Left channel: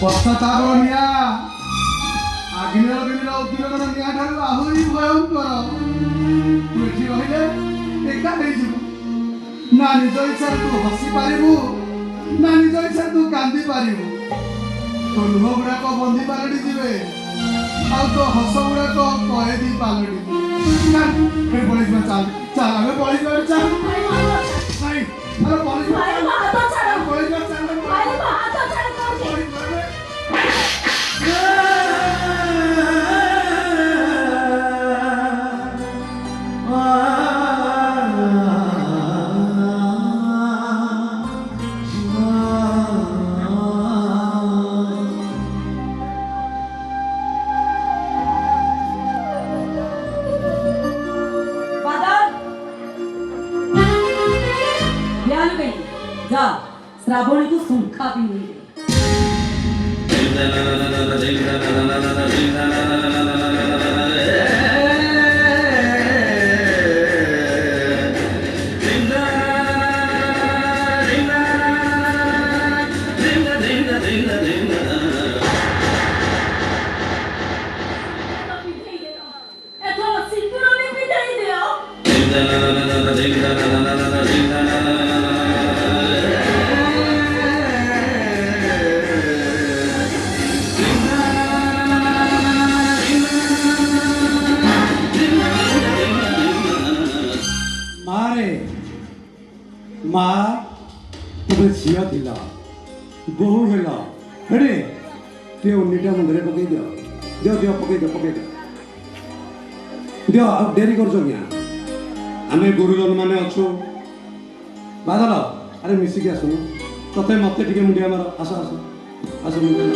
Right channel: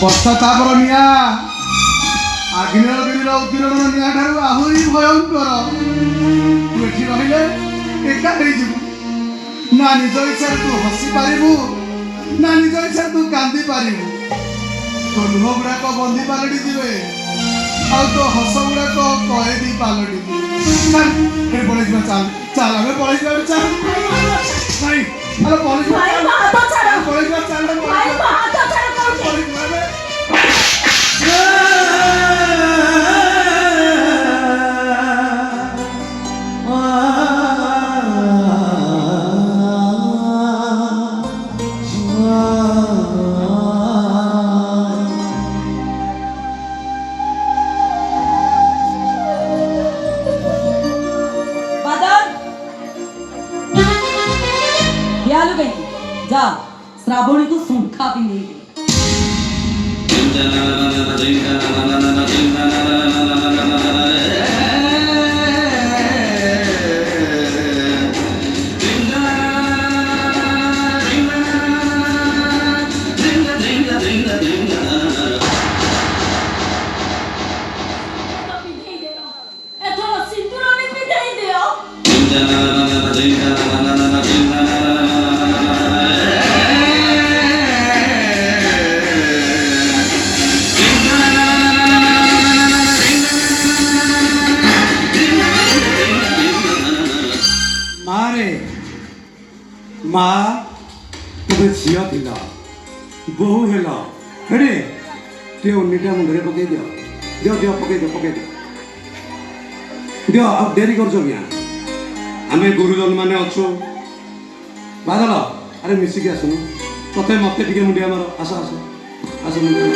ପଶ୍ଚାତାପର ନିଆଁ ଆଗ୍ନେୟଗିରିର ଉଦ୍ଗୀରଣ ନିଆଁ ଠାରୁ ଆହୁରି ଭୟଙ୍କର। ତୁ ଏଠି ରହିଲେ ଏକା ହେଇଯିବୁ। ନା ନିଜ ଇଚ୍ଛାରେ ତୁ ହସି ପାରିବୁ, ନା ନିଜ ଇଚ୍ଛାରେ ତୁ କାନ୍ଦି ପାରିବୁ। ତୋ ଲୁହ ଗୁଡାକ ବନ୍ଦୀ ପାଲଟି ଯିବେ, ଆଉ ତୋ ହସ ଗୁଡାକ କଏଦୀ ପାଲଟିବୁ। ଚାଲ ପଳେଇଯିବା, ଚାଲ ଚାଲ ଆମେ ପଳେଇଯିବା, ଚାଲ ଭାଇ ଆରେ ପଳେଇଯିବା, ପଳେଇଯିବା, ଚାଲ जा श्रावणी को सूखा भी नहीं। माँ तुम्हें झील थिला बहु हेल हेरे ते उन्नीटा मुंडे पकई दियो दियो दियो पकई दियो दियो अब डेरी कर आम गुरुजन मैंने अच्छु बादल अरे मिसिकी आसुन तथे मत टे मुंडिया मार आस आस आस मुंडिया